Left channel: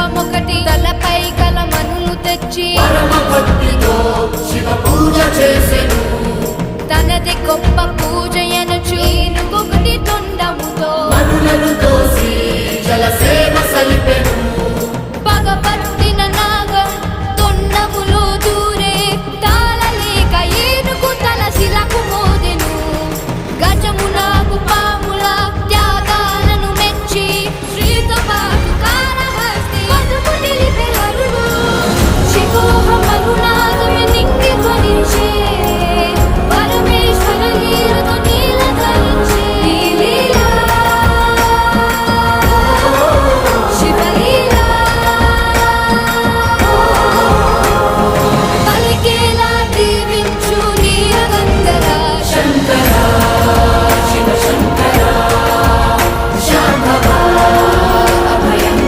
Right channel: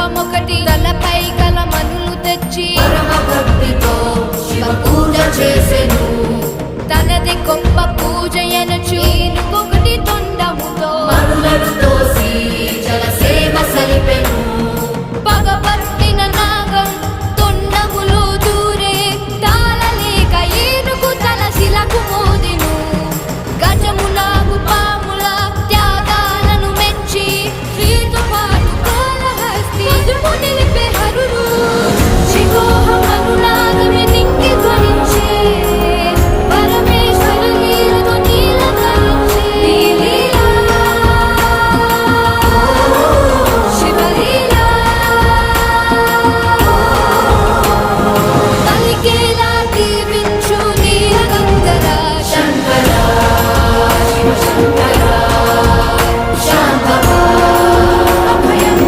రూపమొకటి తలపై కలమనులు తెచ్చి తనది గొప్ప పూజ ఎనుచు తొండముతో తోసి నాగం దూరే ఏనుగు గజము నాగు పా